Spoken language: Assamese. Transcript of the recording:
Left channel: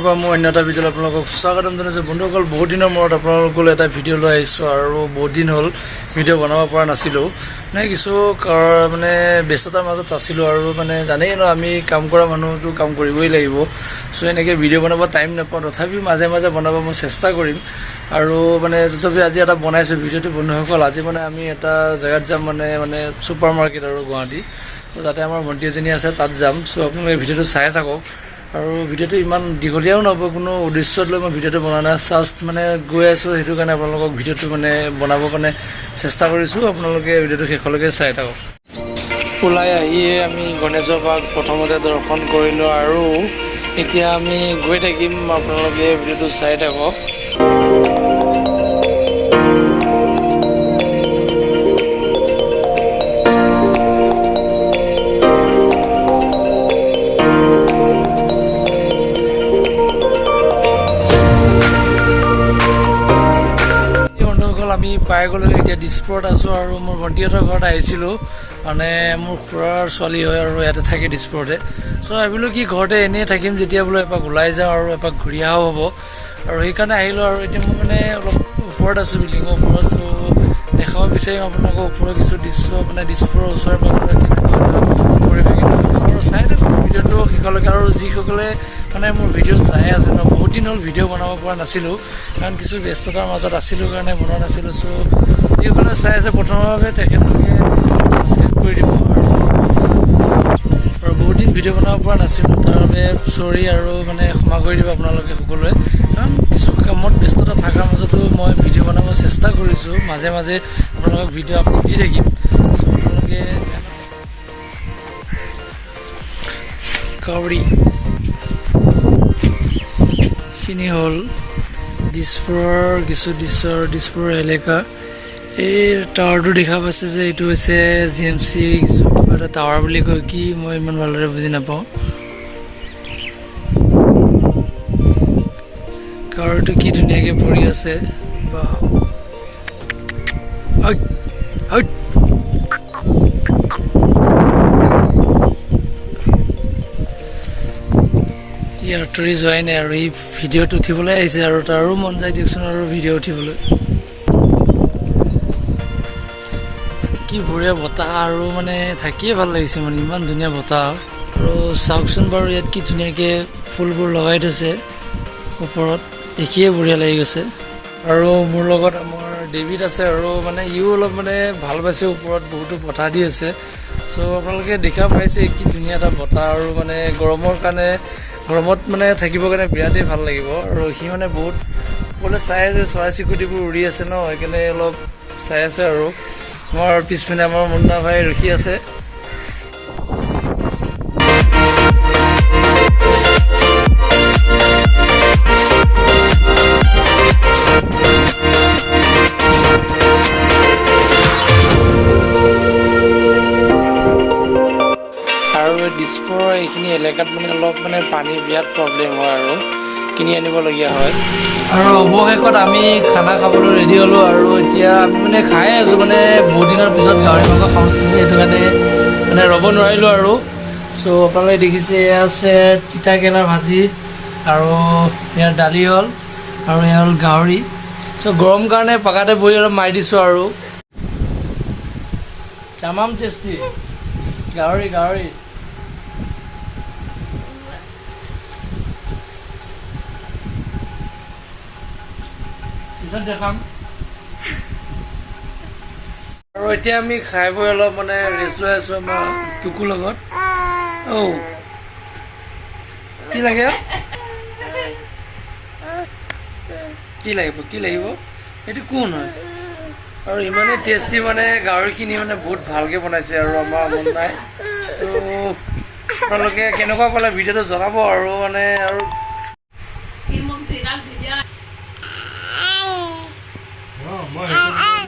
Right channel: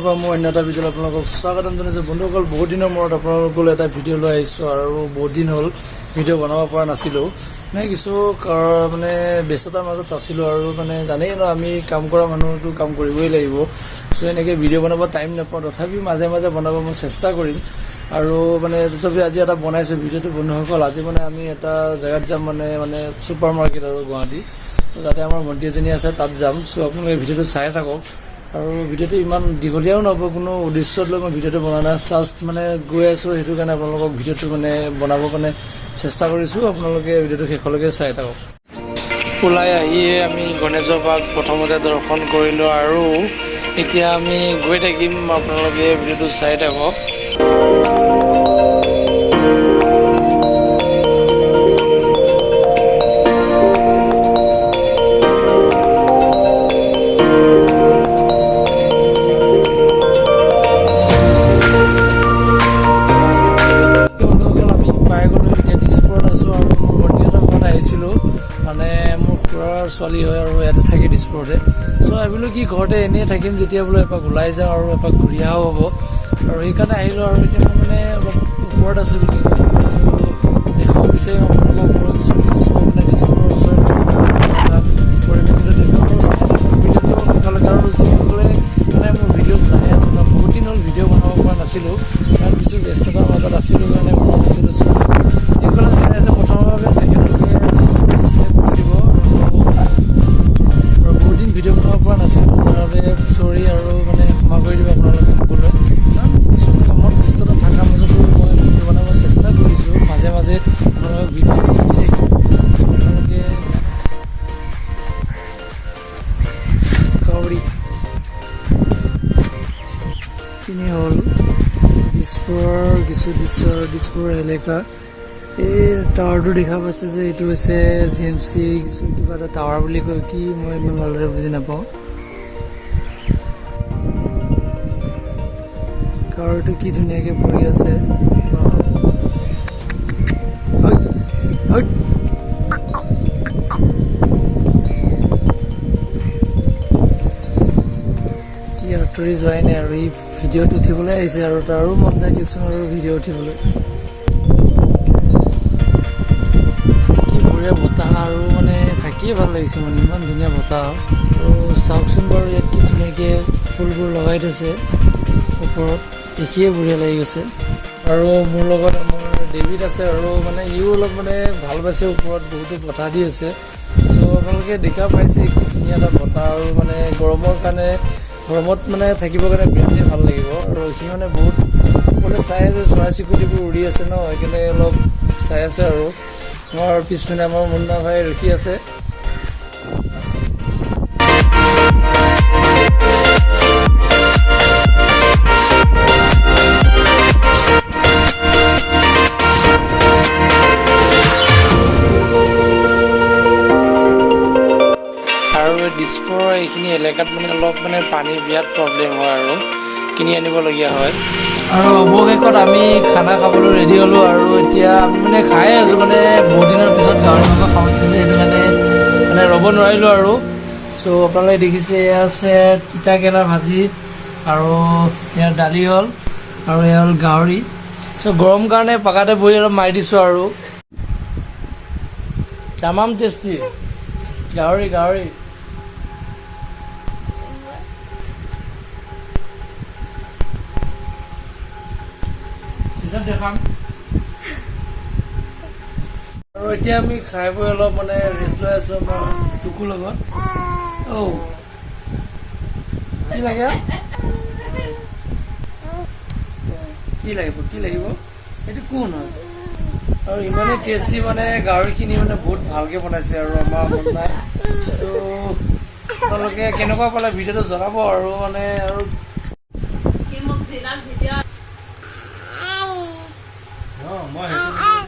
চেনেলৰ পৰা মই অন্য এটা ভিডিঅ'ত আপোনালোকক স্বাগতম জনাইছোঁ। বন্ধুসকল, বহুত দিনৰ মূৰত আপোনালোকলৈ এটা ভিডিঅ' লৈ আহিছোঁ আৰু বহুত দিন হ'ল ভিডিঅ' বনাব পৰা নাছিলোঁ। কিছু মানে ব্যস্ততাৰ মাজত আছিলোঁ আৰু জানেই ন, আমি কাম কৰা মানুহটো কাম কৰিবই লাগিব। চ' এনেকৈ ভিডিঅ' বনাব টাইম নাপাওঁ, তথাপিও মাজে মাজে বনাব মই চেষ্টা কৰিম। আৰু তথাপি আজি এটা বনাইছোঁ ভিডিঅ'টো। বন্ধুসকল, আজি আমি এটা জেগাত যাম, ছুপাৰ মাৰ্কেট আৰু গুৱাহাটী। ত' তাতে আমাৰ ভণ্টি এজনী আছে, তাত যাম। চ' আপোনালোকে ভিডিঅ'টো চাই থাকক। আৰু ভিডিঅ'টো ইমান দীঘলীয়াও নহ'ব, কোনো উদ্দেশ্যত লৈ মই ভিডিঅ'টো বনোৱা নাই। জাষ্ট গৈ আছোঁ, সেইটো কাৰণে আপোনালোকক ভিডিঅ'টো বনাবৰ কাৰণে চেষ্টা কৰিছোঁ। আপোনালোকে ভিডিঅ'টো শেষলৈকে চাই থাকক। ওলাই আহিয়ে আমি গণেশৰ পাৰ্ক প্ৰথমতে দৰ্শন কৰিলোঁ আৰু এতিয়া আমি গৈ থাকিম। আপোনালোকে ভিডিঅ'টো চাই থাকক। পাই গ'লোঁ, এতিয়া দিছপুৰত আছোঁ আৰু মোৰ ভণ্টিহঁতৰ ঘৰত আহিছিলোঁ। মোৰ খুৰাৰ ছোৱালী হয় আৰু ইয়াতে থাকে দিছপুৰতে। চ' ভাবিলোঁ কি ঘৰতে এনেই থাকিম, যেতিয়া বোলো এপাক ওলাই যাওঁ আৰু এপাক ঘূৰি অহাও হ'ব। আৰু সেইকাৰণে আহিলোঁ। আৰু এতিয়া মই অলপ ওপৰত আছোঁ, বিল্ডিঙৰ ওপৰত। চ' দেখাব বিচাৰিম আপোনালোকৰ ওপৰৰ কিছু দৃশ্য, দিছপুৰৰ ওচৰে পৰিৱেশ আৰু চাই থাকক ভিডিঅ'টো শেষলৈকে। আৰু যিসকলে মোৰ ভিডিঅ' চাই আছে ন, বহুত দিন হ'ল ভিডিঅ' বনাব পৰা নাছিলোঁ, কাৰণ কিছু ব্যস্ততাৰ মাজত আছিলোঁ কাৰণে বনোৱা নাছিলোঁ। চ' যিসকলে চাই আছে প্ৰথমৰ বাবে তেখেতলোকে ছাবস্ক্ৰাইব কৰি দিব। আৰু বহুত দিন ভিডিঅ' বনাব পৰা নাছিলোঁ, তাৰ বাবে চৰি আৰু ক্ষমা কৰি দিব আপোনালোকে সকলোৱে। কাৰণ কিছু কামত ব্যস্ততা থকাৰ মাজতো মই ভিডিঅ' বনাব চেষ্টা কৰিছোঁ। মাজে মাজে আপোনালোকক ভিডিঅ' আপলোড দি থাকিম। চ' আপোনালোকে কাউৰী খিনি হ'ল দিছপুৰৰ কিছু দৃশ্য, দিছপুৰৰ এলেকা। এই টাৱাৰটো দেখা পাইছে যে, এইটো হৈছে GMC কিবা এটা টাৱাৰ বুলি কয়, কি মই ইমান ভালদৰে বুজি নাপাওঁ। টাৱাৰটো কি ধুনীয়াকৈ পৰি আছে। আঁতৰি যোৱাই নাই আৰু এই ভিডিঅ'ত উঠিবলৈ আহিছে, আৰু তাৰো মন যায় দিয়কচোন আৰু ভিডিঅ' উঠিবলৈ। কি বঢ়িয়া বতাহ, আৰু থাকিয়ে ভাল লাগিছে, ইমান ধুনীয়া বতাহ। আৰু চাওকচোন বাৰু, ইয়াত কি ধুনীয়াকৈ ফুলবোৰ লগাই থৈছে ওপৰত, দেখিয়ে বঢ়িয়া লাগি গৈছে। আৰু মোৰ লগত আমাৰ ডেভিড আছে, আৰু ইও অলপ ভাল পাইছে। ওপৰত বহুতো বতাহ দি আছে। চ' আপোনালোকে দেখা পাইছে কি ধুনীয়া এটা বতাহ। আৰু গৰমৰ কাৰণে, গৰমত থাকিবৰ কাৰণে বিৰাটেই ভাল লাগিব। আৰু সি বহুত সকলোৱে চাই আছে, চৰাই চিৰিকটিবোৰ উৰি আছে ন, সেইকাৰণে অলপ চাই আছে। আৰু আমাৰ পিছপিনে আমাৰ মুন্না ভাই ৰখি আছে। আৰু দিছপুৰৰ এইখিনি এলেকাত অলপ পানীৰ বিৰাট প্ৰব্লেম হয় আৰু কিনি আনিবলগীয়া হয়। আৰু অৱশেষত আমি খানা খাবলৈ ৰেডি হ'লোঁ। আৰু এতিয়া আমি খাই আছোঁ, বহুত দিনৰ পিছত গাহৰি মাংস খাব যে, সেইটো কাৰণে ৰ'ব নোৱাৰিলোঁ আৰু। চ' আপোনালোকে দেখিছে, এয়া আছে তিতা কেৰেলাৰ ভাজি, আৰু ইয়াৰ দালি হ'ল, আৰু এয়া হ'ল গাহৰি। চ' গৰম কাৰণে পাকাতে বহি অলপ মাৰি দিছোঁ। আৰু তামাম টেষ্টি গাহৰি দেখাম। আৰু এতিয়া আমি খাই বৈ অলপ ৰেষ্ট লৈ আছোঁ আমাৰ টুকুৰ লগত। কি লাগে, কি লাগিব এইটো কোন হয়? আৰু ইমানেই টেষ্টি গাহৰিখিনি বহুত ভালকৈ বনাইছে আৰু আমাৰ মন নাই। ত' আপোনালোকে কেনেকুৱা পালে ভিডিঅ'টো জনাব। আৰু আৰু